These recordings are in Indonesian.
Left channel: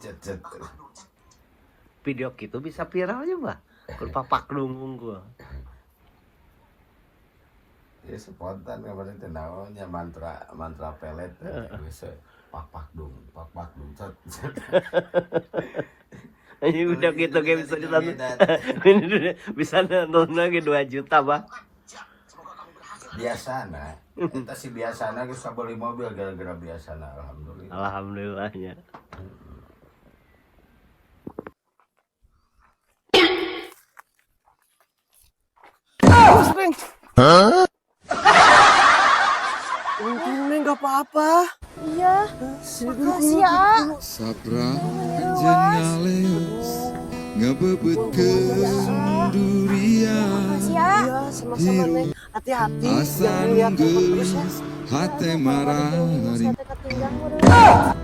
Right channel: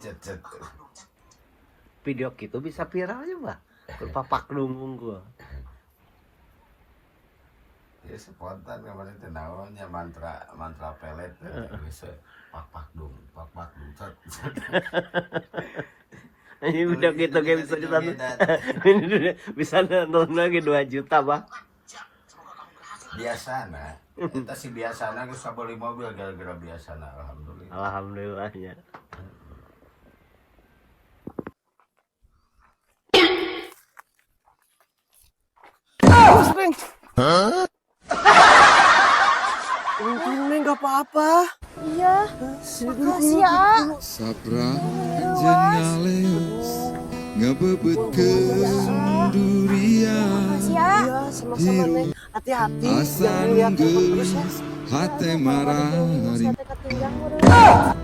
cet. Video gitu bisa viral aja Mbak. Papak dunggung gua. Ya spontan kemarin tenaunya mantra pelet bisa papak dung cet. Ini udah gitu kayak bisa ditonton. Bisa nonton lagi 2 juta Bang. Biasana kita sih biasana kita beli mobil gara-gara biasana alhamdulillah. Alhamdulillahnya. Sering. Untungnya nggak apa-apa. Iya, makasih ya. Sabra anjen ngaleos ngebebetkeun durian Makasih ya. Iya, sama-sama Neng. Hati-hati. Jangan asan lihat terus ya. geus hate marari Saya ketinggang udah.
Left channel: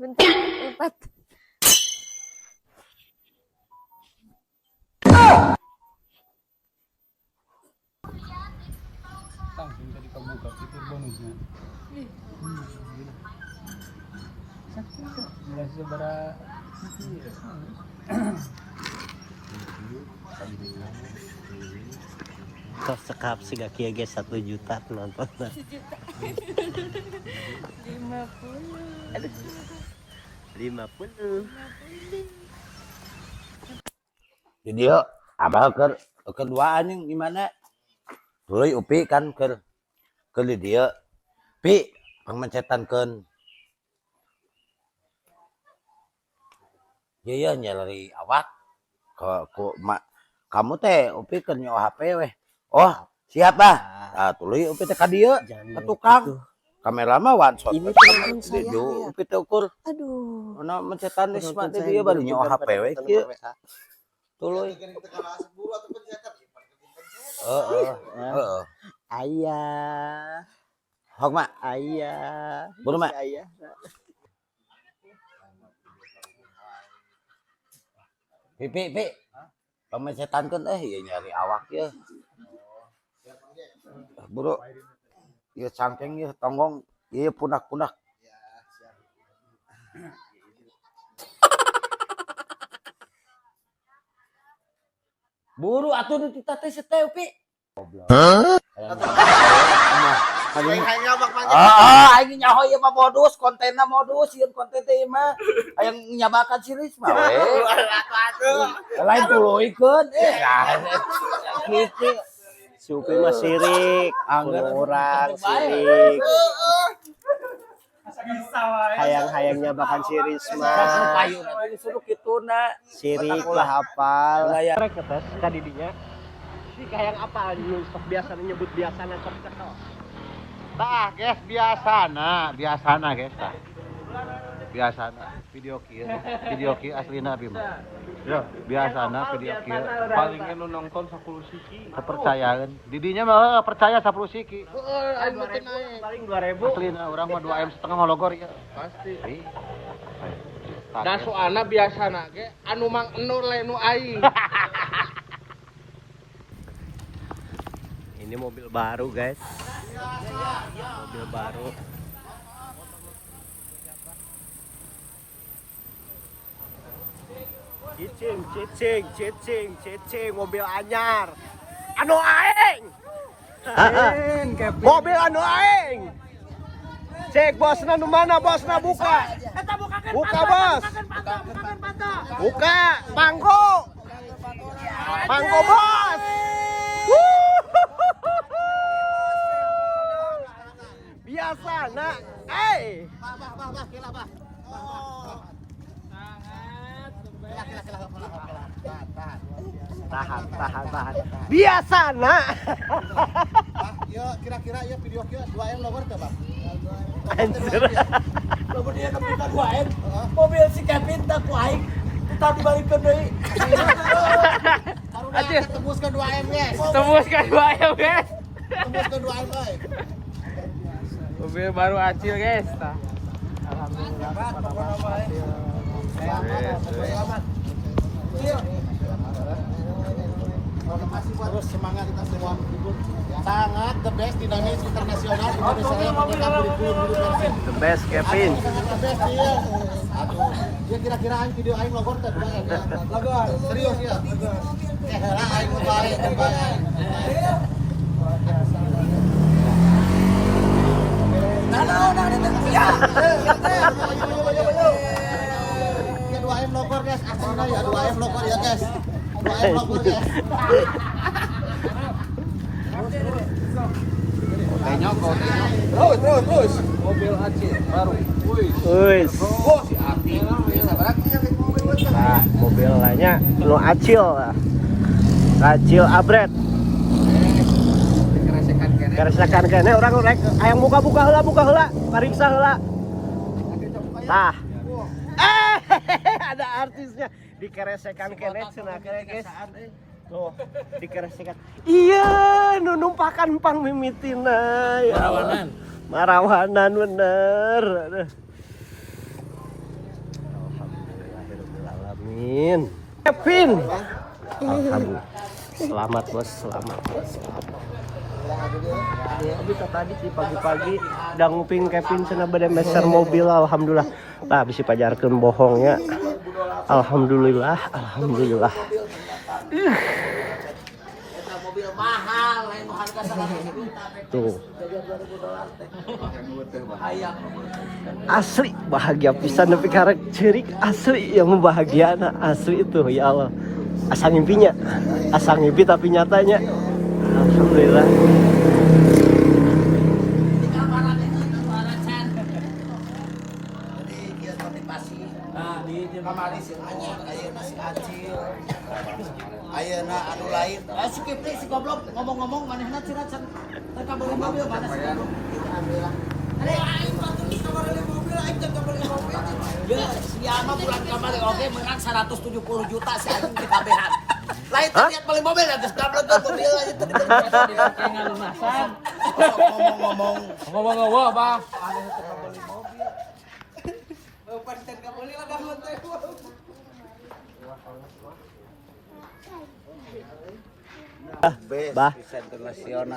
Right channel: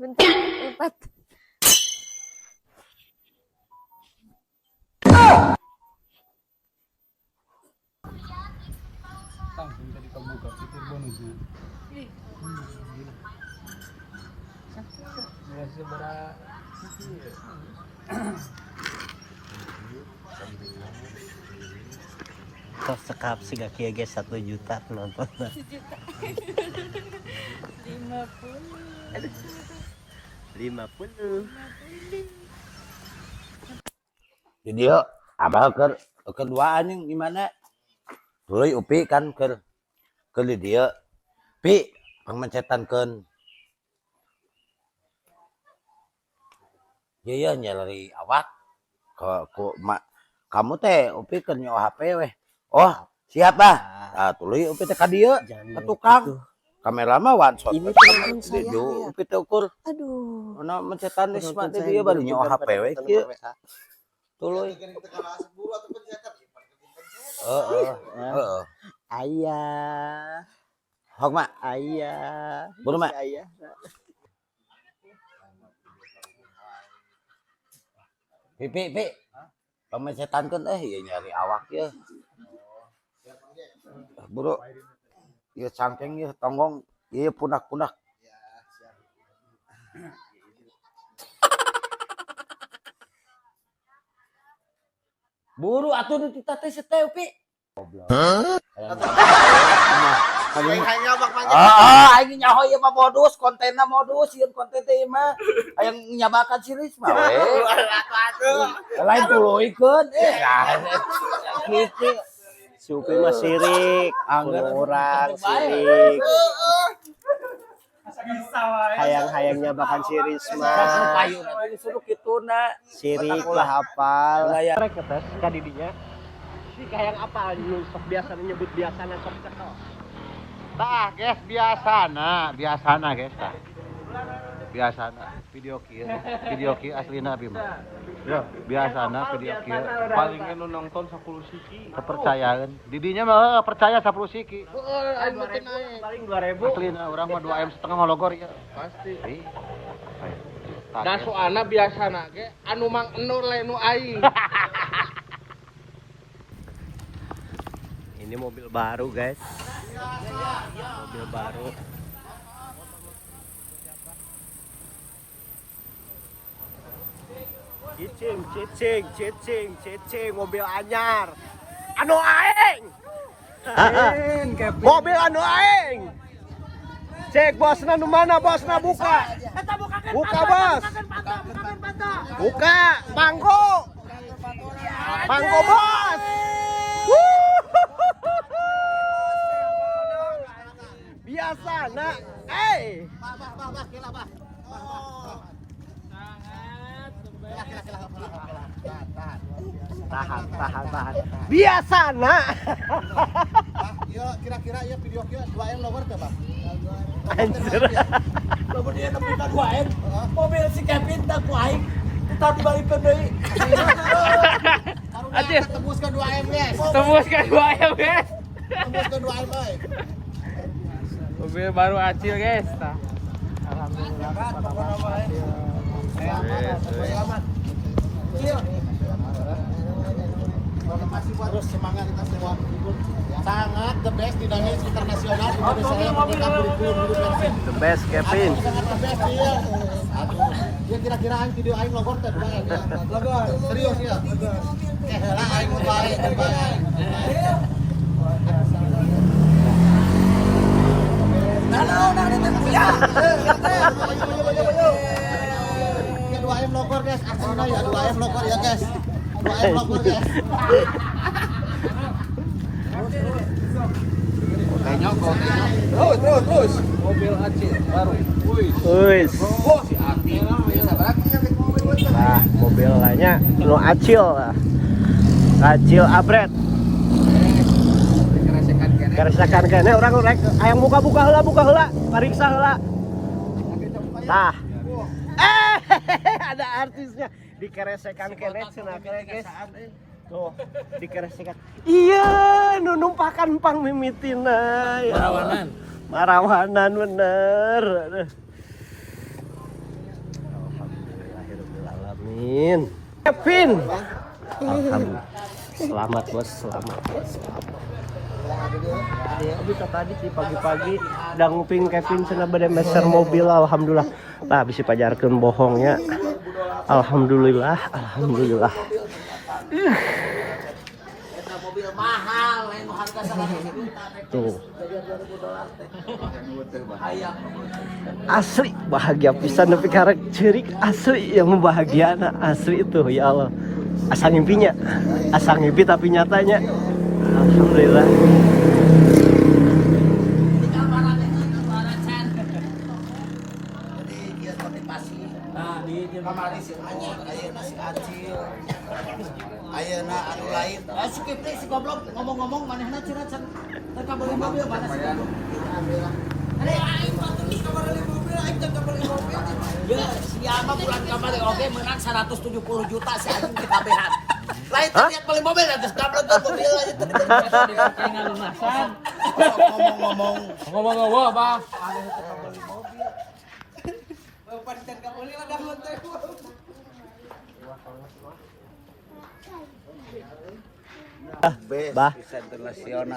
Bentar, empat. Kok sekap sudah kia guys 1 juta nonton. 50. Di dia abah keduaan yang gimana Tuluy upi kan ke di dia pi pangmencetankeun iya nyalari awak kamu teh upi keur nyawa HP weh. Oh siap bah. Nah, tuluy upi teh ka dieu ka tukang kamera mah one shot Ini telepon saya. upi teh ukur Aduh. ana mencetan geus mah teh dia baru nyawa HP we kieu tuluy. Heeh. Ayah. Hok mak Ayah. buru mak Ayah. pi pamecetankeun ieu nyari awak ye buru ieu cangkeng ye tonggong ieu punak-punak buru atuh nu tita teh seteu pi aing nyaho ieu mah modus kontenna modus sieun konten teh mah hayang nyabakan siris mah we lain tuluikeun kitu Supi mah sirik. Orang sirik. Hayang-hayang nyabakan siris mah. kayu nanti disuruh kituna Sirik lah hafal. layar Kadidinya. Hayang apa anjing? Biasa menyebut biasa nangkep kok. Tah, guys, biasana guys. Biasana video ki aslina abi mah. Ya, biasana video ki paling anu nonton 10 siki. Kepercayaan. Didinya mah percaya 10 siki. Paling 2000. Aslina urang mah 2 M setengah hologor ya. Pasti. Da soalna biasana ge anu mang enu lenu aing. Ini mobil baru guys. Mobil baru. Cicing, mobil anyar. Anu aing. Mobil anu aing. Cek bosna nu mana bosna buka. Buka bos. Buka manggo. Manggo bos. Biasa nak. Ai. Tahan. Biasa nak. Ya kira-kira ya video ki 2 M logor teh, Bang. kemudian kita 2M mobil si Kevin tak baik kita kembali penuh Anjir, tembus ke 2 M guys. Tembus ke 2M guys. Tembus ke 2 M baik. Mobil baru acil guys. Sangat the best dinamis internasional Best Kevin. kira-kira video aing logor teh serius ya hela aing kembali video aing logor guys aslinya ya video aing logor ya guys video aing logor guys mobil Acil baru. Wis. Nah, mobil lainnya no Acil lah. Acil abret. Keresakan kene orang rek aya buka heula, pariksa heula. Tah. Ada artisnya dikeresekan kene cenah guys. Oh, dikeresekan. Iya, nu numpakan pang mimitina. Marawanan bener. Alhamdulillahirobbilalamin. Kevin. Selamat bos, selamat. Bisa tadi sih pagi-pagi udah nguping Kevin cenah bade meser mobil alhamdulillah. Tah bisa pajarkeun bohongnya. Alhamdulillah. Asli bahagia pisan tapi karek cerik asli yang membahagiakan asli itu ya Allah. Asa ngimpi tapi nyatanya alhamdulillah. Ayeuna anu lain asik kieu si goblok ngomong-ngomong manehna curhat can tata beli mobil mana si goblok ya siapa bulan kemarin oke menang 170 juta si anjing di KBH lain tapi yang beli mobil ya geus dableun mobil aja tadi ngomong-ngomong apa Bah,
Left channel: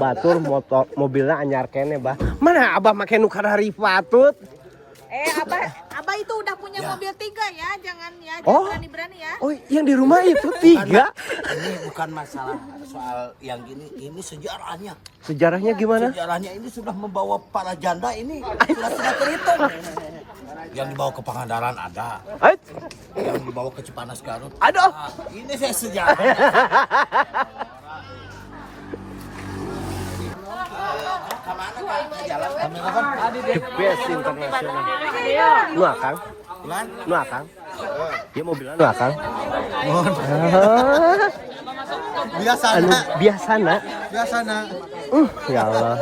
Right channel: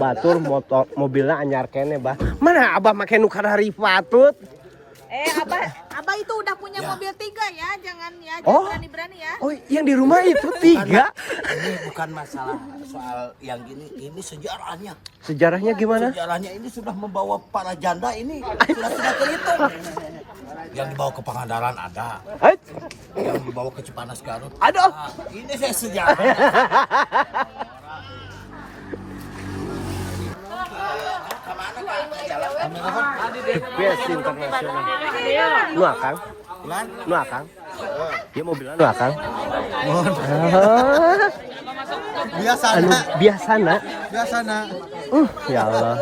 batur motor mobilnya anyar kene bah. Mana abah make nu kadari patut? Abah itu udah punya mobil 3 ya, jangan ya, Oh. berani-berani ya. Oh, yang di rumah itu 3. ini bukan masalah soal yang ini sejarahnya. Sejarahnya gimana? Sejarahnya ini sudah membawa para janda ini sudah terhitung. Yang dibawa ke Pangandaran ada. Yang dibawa ke Cipanas Garut. Aduh. Ini saya sejarah. Best internasional. Nu akang? Nu akang? Dia mobilnya nu akang? Biasana. Ya Allah.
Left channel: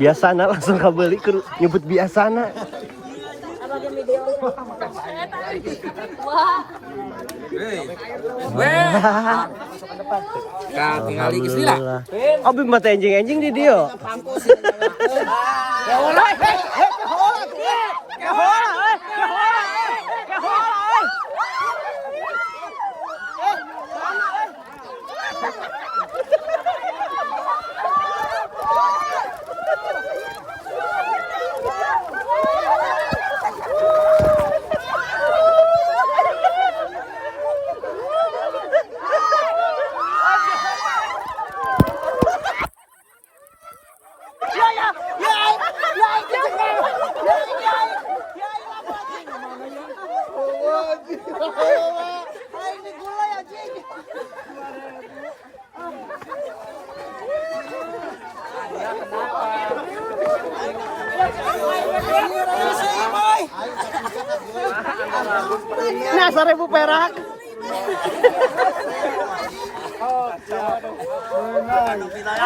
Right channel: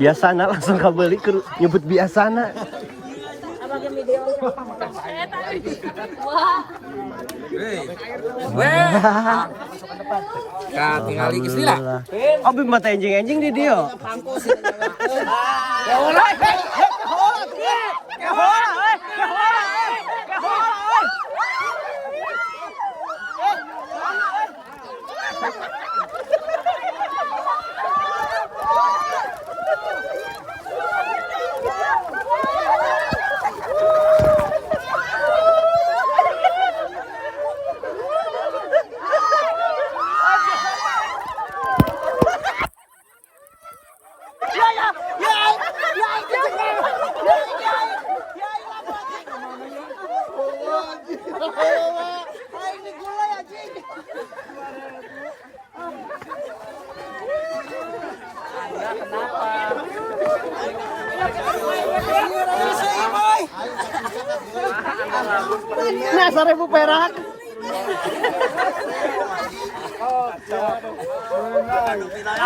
Biasana langsung kabeli nyebut biasana. Alhamdulillah. Abi mata anjing di dia. Nah, 1.000 perak.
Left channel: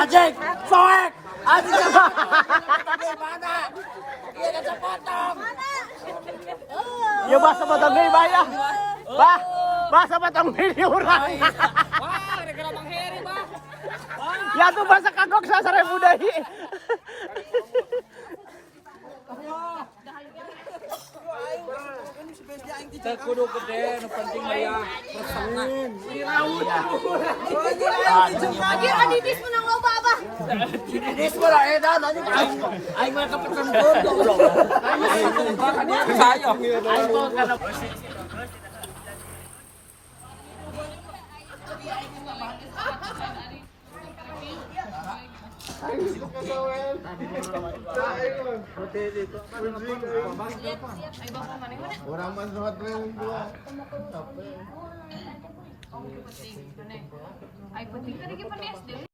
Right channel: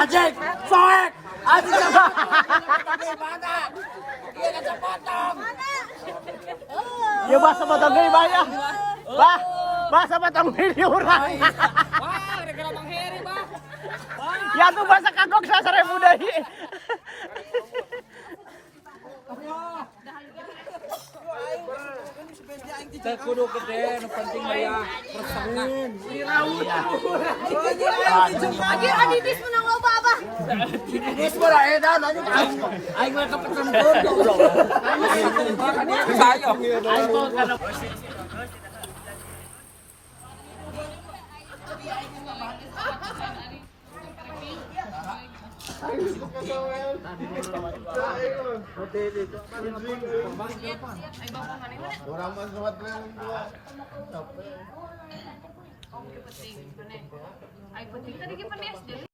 Ajeng, soek. Ajeng. Di mana? Dia ada potong. Ya bahasa potong deui bayah. Bahasa potong deui urang. Ya tuh bahasa kagok 1.000 deui. kudu gede yang penting aya pasangan. Lagi habis menang loba abah. Bis bara edan anjing aing mah cepet sampeun. Aing mah kana